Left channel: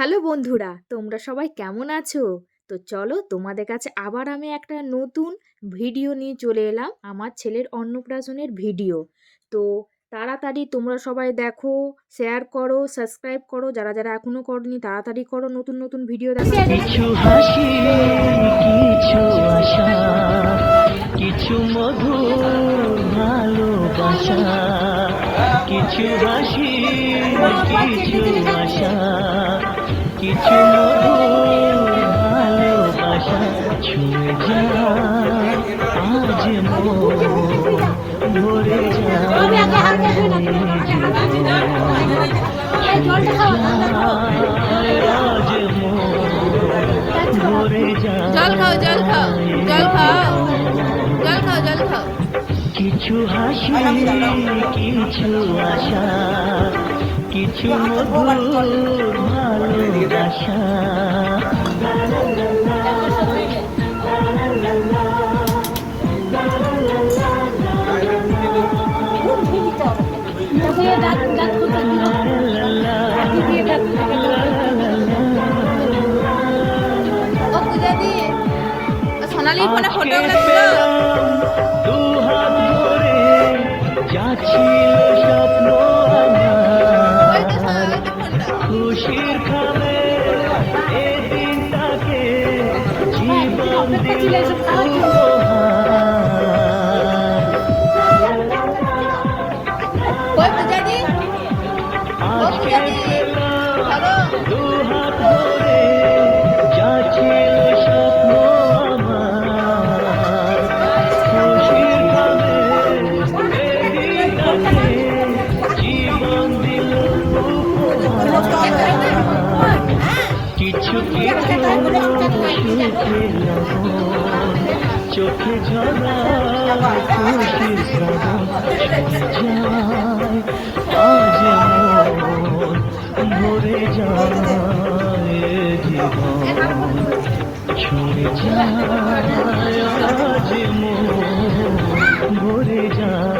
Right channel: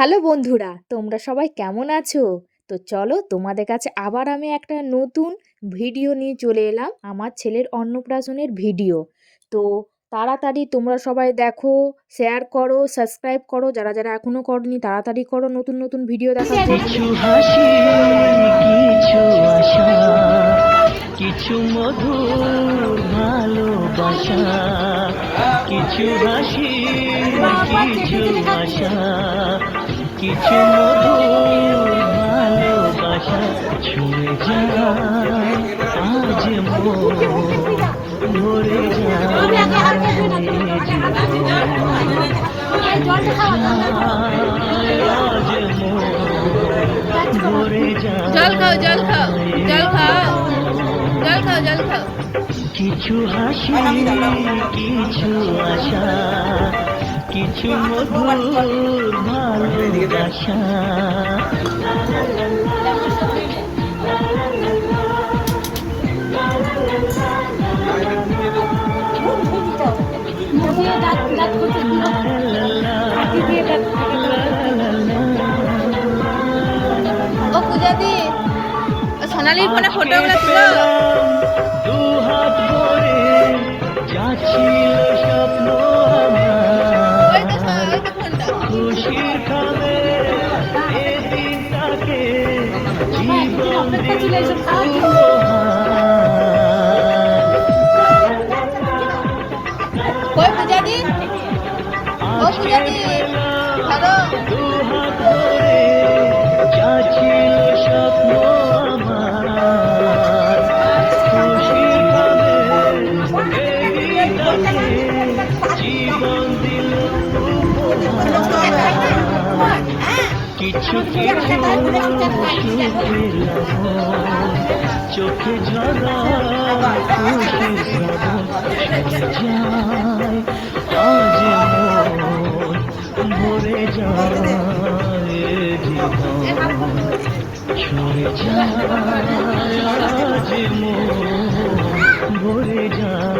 Hello বন্ধুরা, তোমরা সবাই কেমন আছো? তো চলো তোমাদের কাছে আবার আমি একটা নতুন ভিডিও নিয়ে চলে এলাম, আমার ছেলের অন্নপ্রাশনের ভিডিও। তো তাড়াতাড়ি তোমরা সবাই দেখো শেয়ার করো সাবস্ক্রাইব করো, যারা যারা এখনও করনি তাড়াতাড়ি করো, নতুন নতুন ভিডিও হাসি, কিছু আশা। কিছু মধুর ভালোবাসা ছুঁয়ে যায়। আজ জীবন জল খাও জল খাও জল খাও জল খাও জল খাও। কিছু হাসি কিছু আশা কিছু মধুর ভালোবাসা। ও পূজা দি ও সোনালির ফোনে ফটোগুলো তুলো দু হাত ভরে যাচ্ছিল স্বপ্ন খুশির খাবে এদিনটাকে জীবন দিল উপহার। ওই পূজা দি ও পূজা দি ধরো দু হাত ভরে স্বপ্ন আমার চোখে ঝরা খুশির শ্রবণ আজ ভরে যায় জীবন ছুঁয়ে যায় আজ ভরে যায়।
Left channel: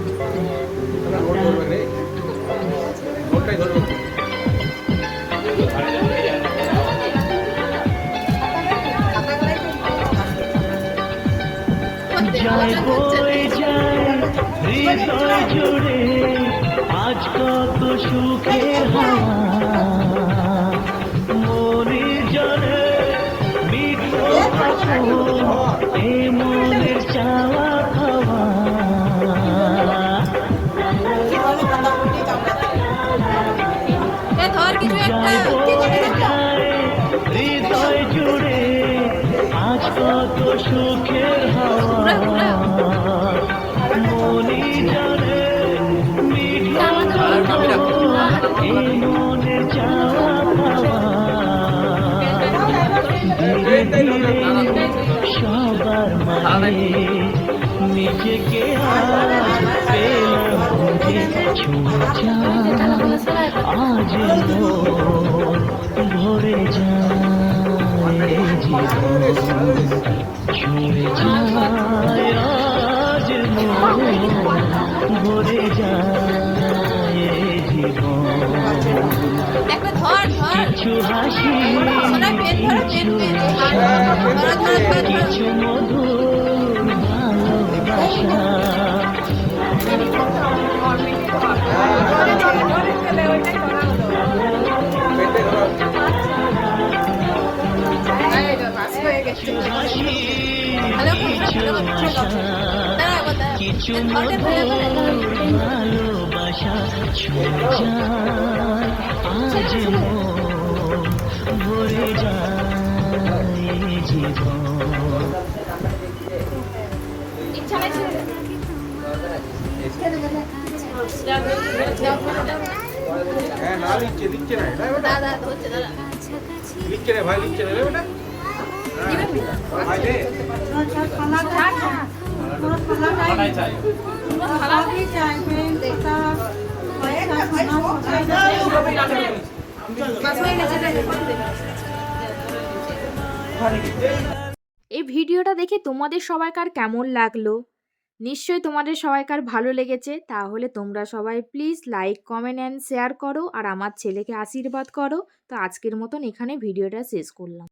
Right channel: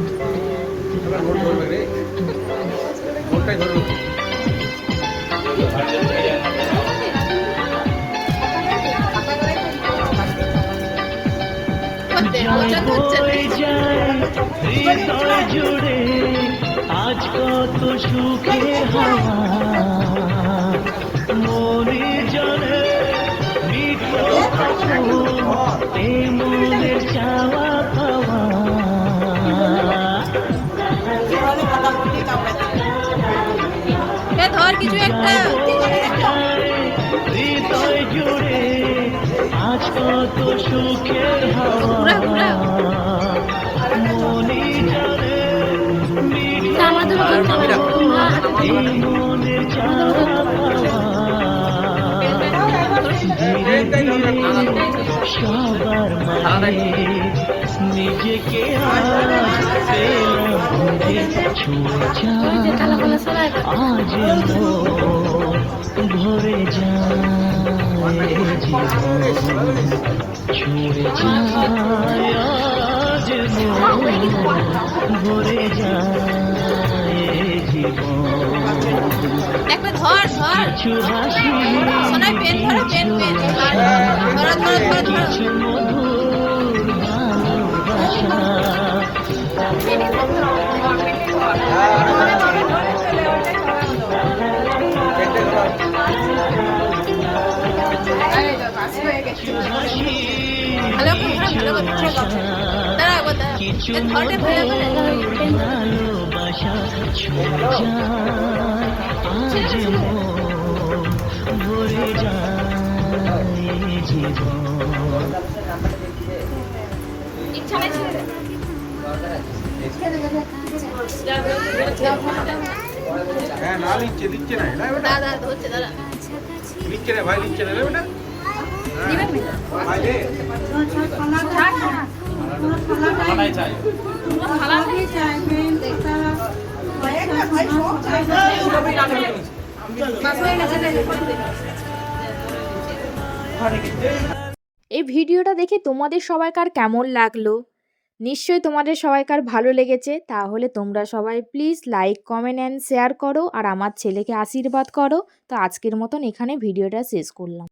জুড়ে আজ কত সুখে হাওয়া। মনে জলে মনের চাওয়া কিছু একটা হৃদয় জুড়ে সবার মানে নিজেকে আজ মন ভরে যায় জীবন যায় মন ভরে যায় জীবন একটা ধর ধর। কিছু হাসি সোনাই পেন ধরো পেন পেন। ধরো ধরো ধরো ধরো। মধুর ভালোবাসা কিছু ভালো করে কিছু ভালোবাসা ছুঁয়ে যায় আজ ভরে যায় জীবন। দাদা হচ্ছে দাদা। ভাই দিচ্ছে না রে। বেটা এই ভিডিওটা দেখে তোমাদের সবাইকার কেমন লাগল? নিশ্চয়ই তোমাদের সবাইকার ভালো লেগেছে। তাহলে তোমরা সবাই please like comment and share করো। আর আমার ছেলেকে আশীর্বাদ করো। তো আজকের মতন এখানে ভিডিওটা শেষ করলাম।